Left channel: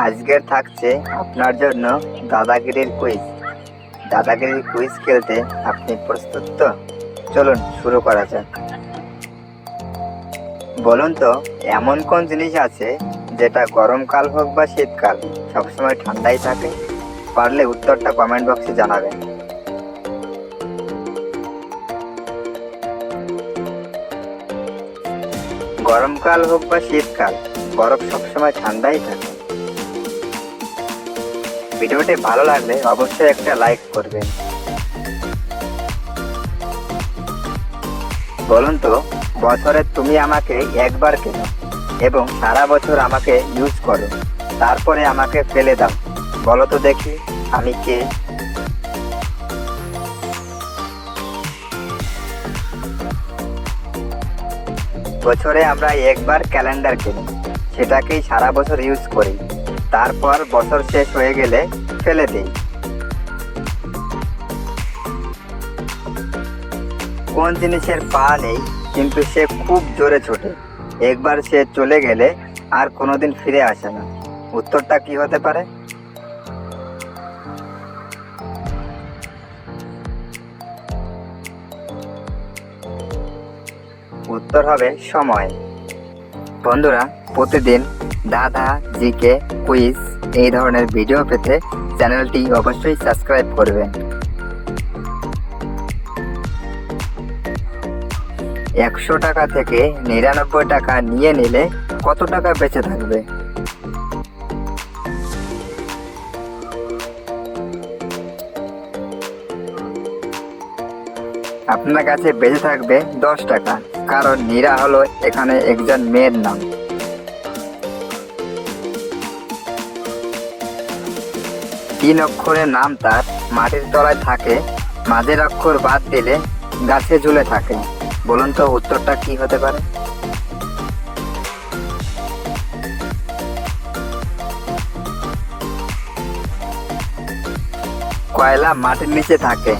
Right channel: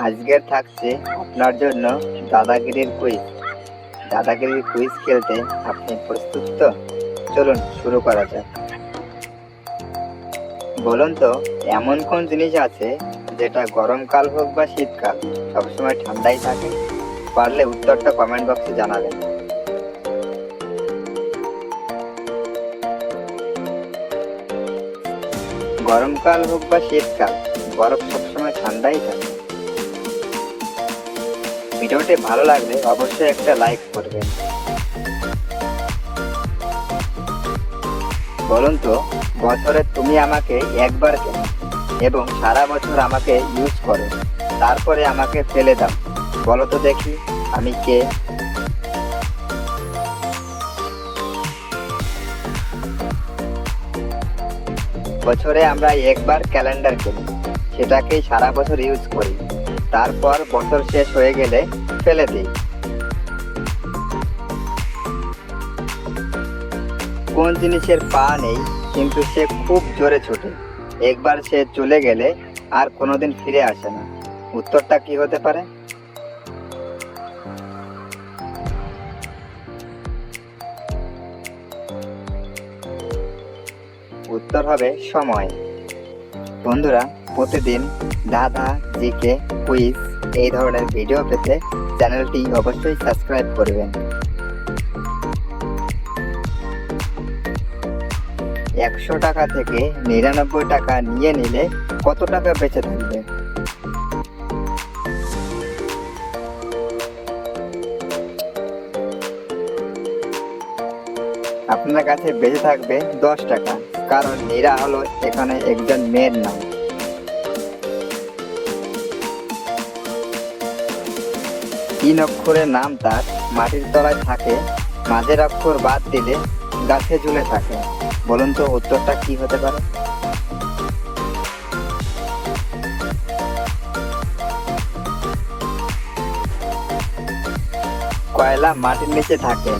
আজকের থাকছে আপনার জন্য দাদাগিরির কুইজ। দাদাগিরির কুইজ খেলতে আপনি প্রস্তুত তো? চলুন শুরু করা যাক। বলুন তো, এমন কোন জিনিস আছে যেটা গরমকাল হোক বা শীতকাল সবসময় ঠান্ডাই থাকে? পারলে উত্তরটা কমেন্ট বক্সে জানাবেন। গরমকাল হোক বা শীতকাল, বরফ সবসময় ঠান্ডাই থাকে। ভিডিওটি ভালো লাগলে অবশ্যই একটা লাইক করবেন। বলুন তো, বছরে তুমি আমাকে একবার কেনো এবং সারা বছর আমাকে ইউজ করো, তারপরে আমাকে ফেলে দাও। বলো তো দেখি, আমি কে? বছরে আমরা একবার ক্যালেন্ডার কিনি, সেটাকেই সারা বছর ইউজ করি, তারপর বছর শেষ হয়ে গেলে ফেলে দিই। কোন জিনিসের পা নেই কিন্তু সে খুব জোরে ছোটে, একবার সে চলে গেলে আর কোনোদিন ফিরে আসে না? উত্তরটা কি হতে পারে? উত্তর হবে সময়। বন্ধুরা, প্রতিদিন দাদা জিকে কুইজ এই ধরনের ভিডিও পেতে চ্যানেলটি অবশ্যই সাবস্ক্রাইব করবেন। 100 টাকা থেকে 99 টাকা নিয়ে নিলে কত টাকা বেঁচে থাকবে? আপনার কাছে বেঁচে থাকবে 10 টাকা, কারণ নীরা হলো এখানে একজন মেয়ের নাম। তিন অক্ষরের নাম তার, মাটির তলায় থাকে, মাঝের অক্ষর বাদ দিলে গাছে ঝুলে থাকে। বলুন তো উত্তরটা কি হতে পারে? কয়লা মাটির নিচে থাকে,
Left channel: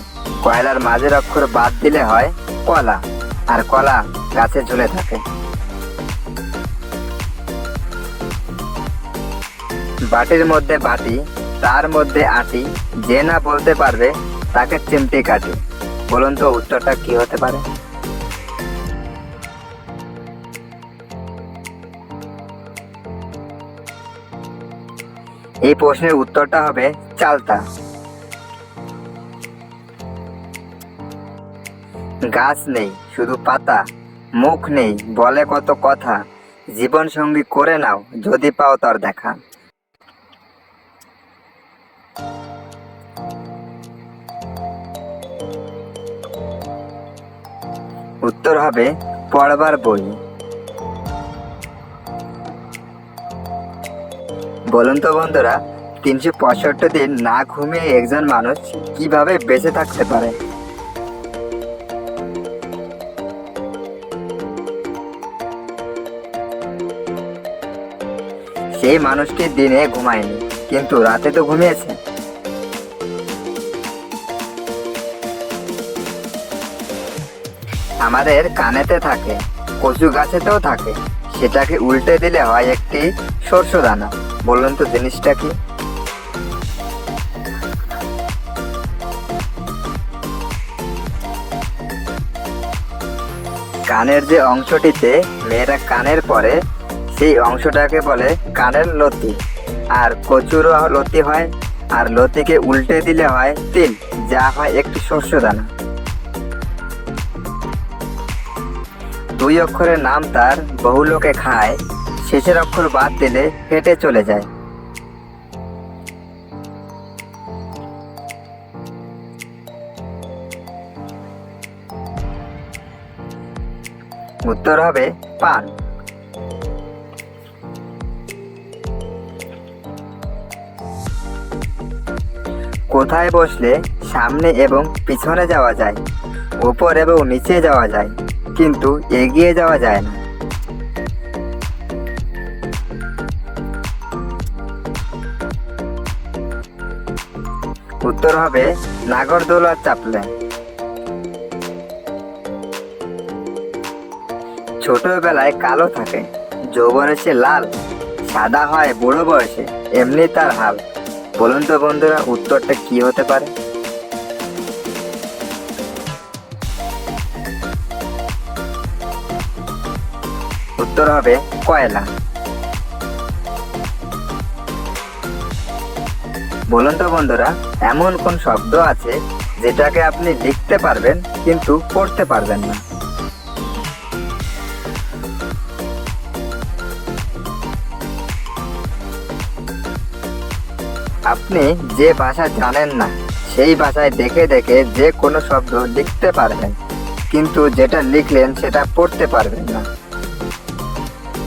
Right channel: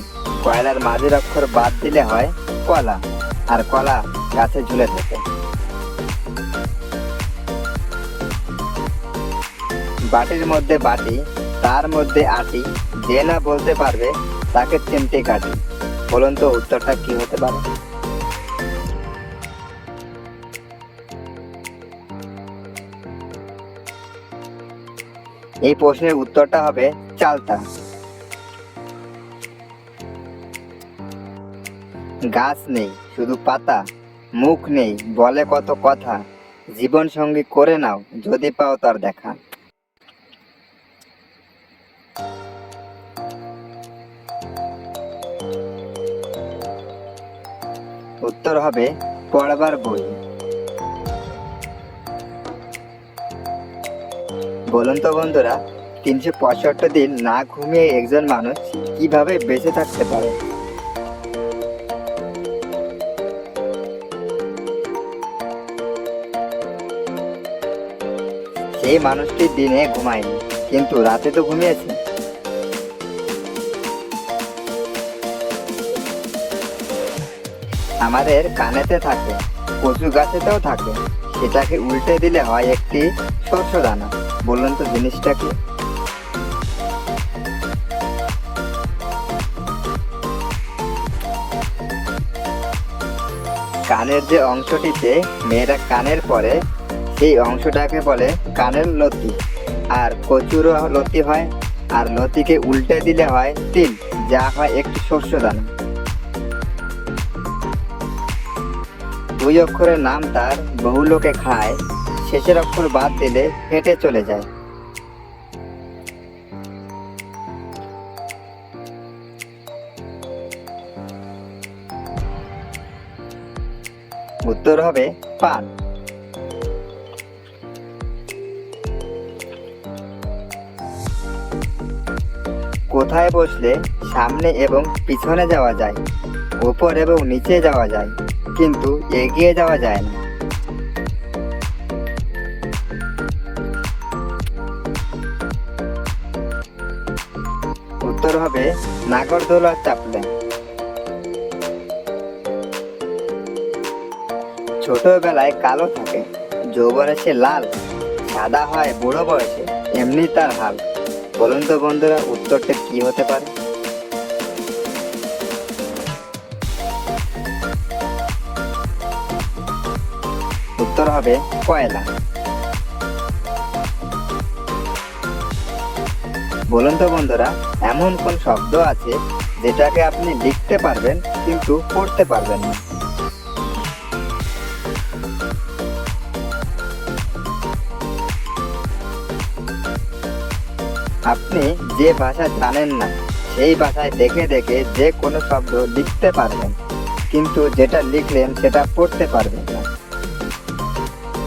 কয়লার মাঝের অক্ষর বাদ দিলে হয় কলা, আর কলা গাছে ঝুলে থাকে। বাটির মধ্যে বাটি, তার মধ্যে আটি, যে না বলতে পারবে তাকে চিমটি কাটি। বলুন তো উত্তরটা কি হতে পারে? এই প্রশ্নের উত্তরটা হবে চালতা। গাছ নেই শুধু পাতা, মুখ নেই বলে কত কথা, জীবন সঙ্গী করে নাও যদি পাও তার দেখা। উত্তর হবে পড়বার বই। বলুন তো বন্ধুরা, 365 দিন না ঘুমিয়ে একজন মানুষ কিভাবে বেঁচে থাকতে পারে? সেই মানুষটি দিনে ঘুমায়নি, কিন্তু রাতে তো ঘুমিয়েছে। আমাদের কানেতে থাকে, কচু গাছেতেও থাকে, সেটাকে উল্টে দিলে হয় একটি শস্য দানা। বলুন তো জিনিসটা কি? কানের যে অংশটিতে মেয়েরা কানের পরে, সেই অংশটাকে বলে কানের লতি। আর কচুরও লতি হয়, আর লতিকে উল্টে দিলে হয় তিল, যা হয় একটি শস্য দানা। 2 অক্ষরের নাম তার, বহু লোকে খায়, শেষের অক্ষর বাদ দিলে হেঁটে চলে যায়। উত্তর হবে পান। কোথায় বসলে সামনে এবং পিছনে যাওয়া যায়, উপর এবং নিচে যাওয়া যায়, কিন্তু এগিয়ে যাওয়া যায় না? উত্তর হবে নাগরদোলার চাপলে। ছোটবেলায় কালো থাকে, যৌবনে সে লাল, সাদা হয় বুড়ো বয়সে, এমনি তার হাল। বলুন তো বন্ধুরা, উত্তরটা কি হতে পারে? উত্তর হবে কয়লা। বলুন তো বন্ধুরা, এমন কোন শব্দ আছে যেটাকে আপনি লিখতে পারবেন কিন্তু পড়তে পারবেন না? আপনি যে ভাষা জানেন না সেই ভাষায় দেখে দেখে যে কোনো শব্দ লিখতে পারবেন, কিন্তু যেটা লিখলেন সেটা পড়তে পারবেন না।